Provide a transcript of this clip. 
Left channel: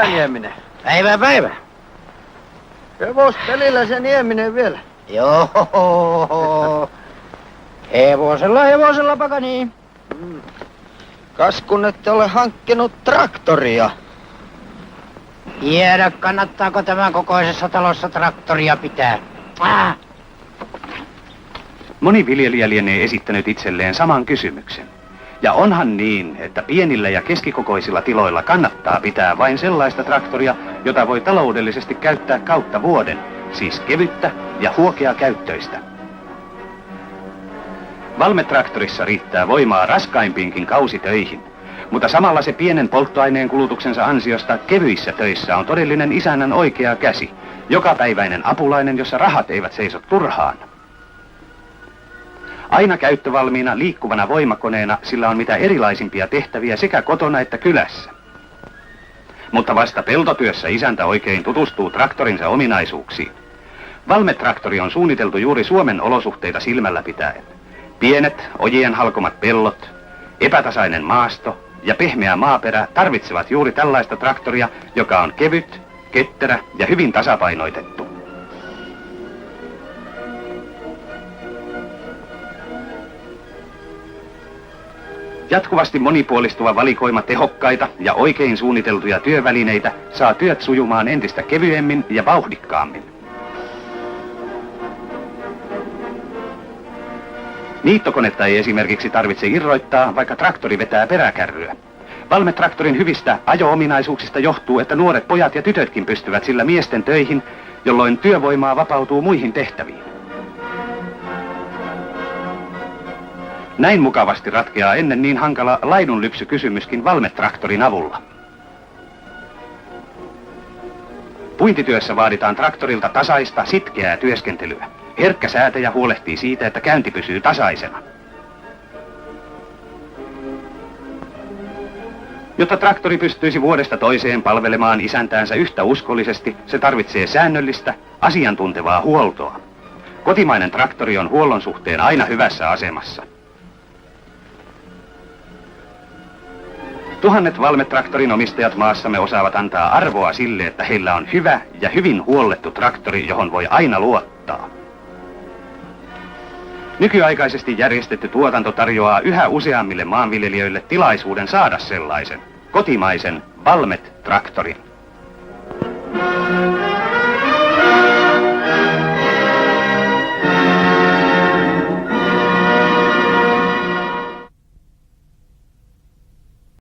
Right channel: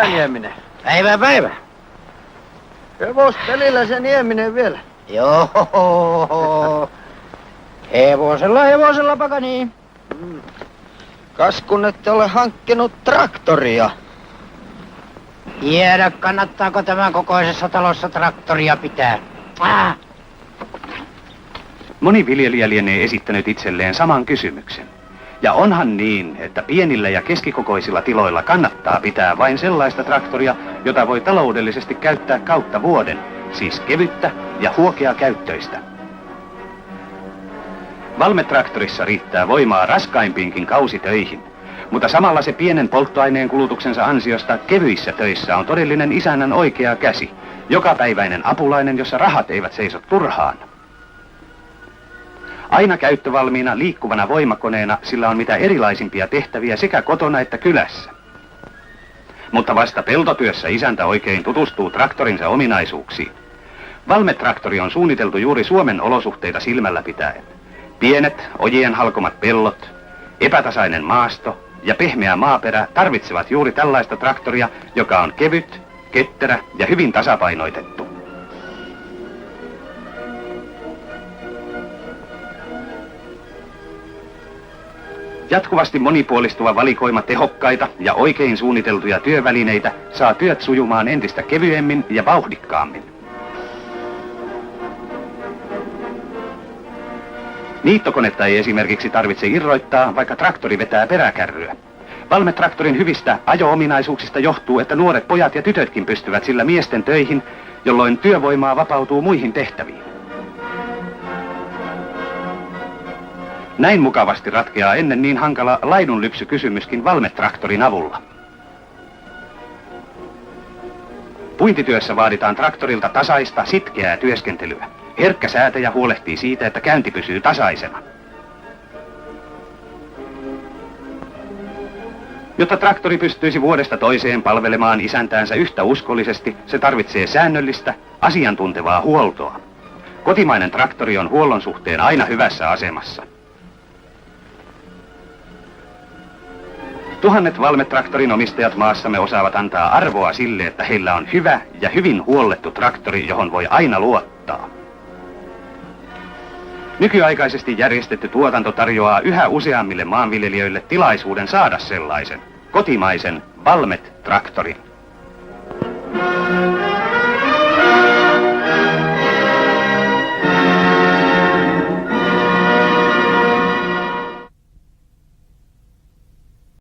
päivää, Nieminen. Päivä. Hevospelillä se Nieminen vielä. Joo. Hevosella pakani. Kas kun ette ole hankkinut traktoria. Tiedä, kannattaako tämän kokoisessa talossa traktoria pitää. Moni viljelijä lienee esittänyt itselleen saman kysymyksen. Ja onhan niin, että pienillä ja keskikokoisilla tiloilla kannattaa pitää vain sellaista traktoria, jota voi taloudellisesti käyttää kautta vuoden, siis kevyttä ja huokeakäyttöistä. Valmetraktorissa riittää voimaa raskaimpiinkin kausitöihin, mutta samalla se pienen polttoaineen kulutuksensa ansiosta kevyissä töissä on todellinen isännän oikea käsi, jokapäiväinen apulainen, jossa rahat eivät seiso turhaan. Aina käyttövalmiina liikkuvana voimakoneena sillä on mitä erilaisimpia tehtäviä sekä kotona että kylässä. Mutta vasta peltotyössä isäntä oikein tutustuu traktorinsa ominaisuuksiin. Valmetraktori on suunniteltu juuri Suomen olosuhteita silmällä pitäen. Pienet, ojien halkomat pellot, epätasainen maasto ja pehmeä maaperä tarvitsevat juuri tällaista traktoria, joka on kevyt, ketterä ja hyvin tasapainoitettu. Jatkuvasti monipuolistuva valikoima tehokkaita ja oikein suunniteltuja työvälineitä saa työt sujumaan entistä kevyemmin ja vauhdikkaammin. Niittokonetta ei esimerkiksi tarvitse irroittaa, vaikka traktori vetää peräkärryä. Valmetraktorin hyvistä ajo-ominaisuuksista johtuu, että nuoret pojat ja tytötkin pystyvät sillä miesten töihin, jolloin työvoimaa vapautuu muihin tehtäviin. Näin mukavasti ratkeaa ennen niin hankala laidunlypsykysymyskin Valmetraktorin avulla. Puintityössä vaaditaan traktorilta tasaista, sitkeää työskentelyä. Herkkä säätäjä huolehtii siitä, että käynti pysyy tasaisena. Jotta traktori pystyisi vuodesta toiseen palvelemaan isäntäänsä yhtä uskollisesti, se tarvitsee säännöllistä, asiantuntevaa huoltoa. Kotimainen traktori on huollon suhteen aina hyvässä asemassa. Tuhannet Valmetraktorin omistajat maassamme osaavat antaa arvoa sille, että heillä on hyvä ja hyvin huollettu traktori, johon voi aina luottaa. Nykyaikaisesti järjestetty tuotanto tarjoaa yhä useammille maanviljelijöille tilaisuuden saada sellaisen kotimaisen Valmet-traktorin.